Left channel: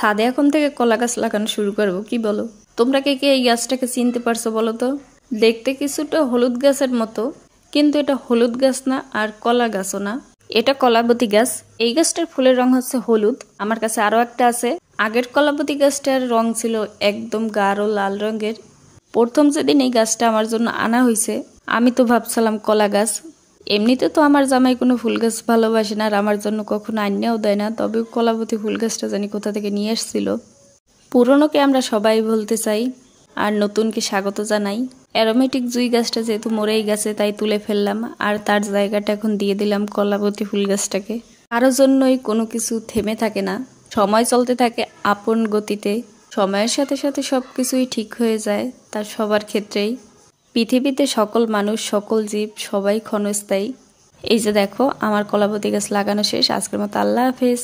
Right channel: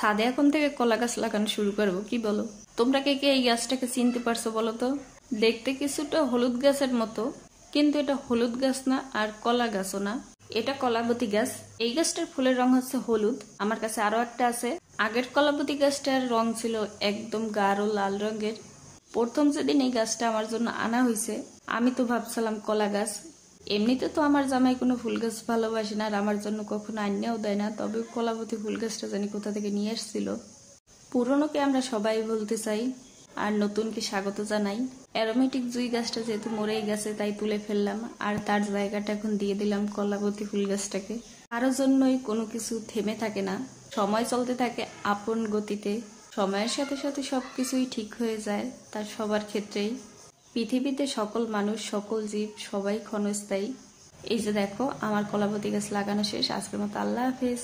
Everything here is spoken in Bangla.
ছাদে এখন থেকে কলা গাছ লাগানো শুরু করব, কি বলো? তোমরা কে কে এই গাছটাকে চিনতে পারছো বলো তো? দেখতে কিছুটা হলুদ গাছের মতো, কিন্তু এটা হলুদ গাছ না আর কলা গাছও না, এটা কলাবতী গাছ। এই গাছটার ফুলের রং হচ্ছে হলুদ। আমার কাছে আরো একটা আছে। আগের কলাবতী গাছটার রং ছিল একদম গাঢ় লাল রঙের। প্রথম যেদিন এই গাছটা আমার জন্য আনা হয়েছে, আমি তো ভাবছিলাম কলা গাছ। এমনিতে তো আমার জামাই কোনো ফুল গাছ ভালোবাসে না আর আমার জন্য কখনো আইনাও দেয় না, তবে কলাবতী ফুল গাছটা জানি কোথা থেকে নিয়ে এসেছিল। পুরনোকে আমরা সবাই বলতে চাই আর নতুনকে স্বাগত জানাই। অ্যারোমেটিক জুই গাছটা যেহেতু মরেই গেছে তাই তুলে ফেললাম, আর তার জায়গাটা এখন দিয়ে দিলাম কলাবতী ফুল গাছটাকে। কারো জন্যই কোনো কিছু থেমে থাকে না, সময় চলতে থাকে আপন গতিতে। সময়ের সাথে সাথে সব কিছুই ঠিক হয়ে যায়, তার সবার ক্ষেত্রেই। পৃথিবীতে সকল মানুষ, সকল জীব সবাই ক্ষণস্থায়ী। এই যে দেখো, আমার কলাবতী গাছ লাগানো শেষ। আজকের মতো আল্লাহ হাফেজ।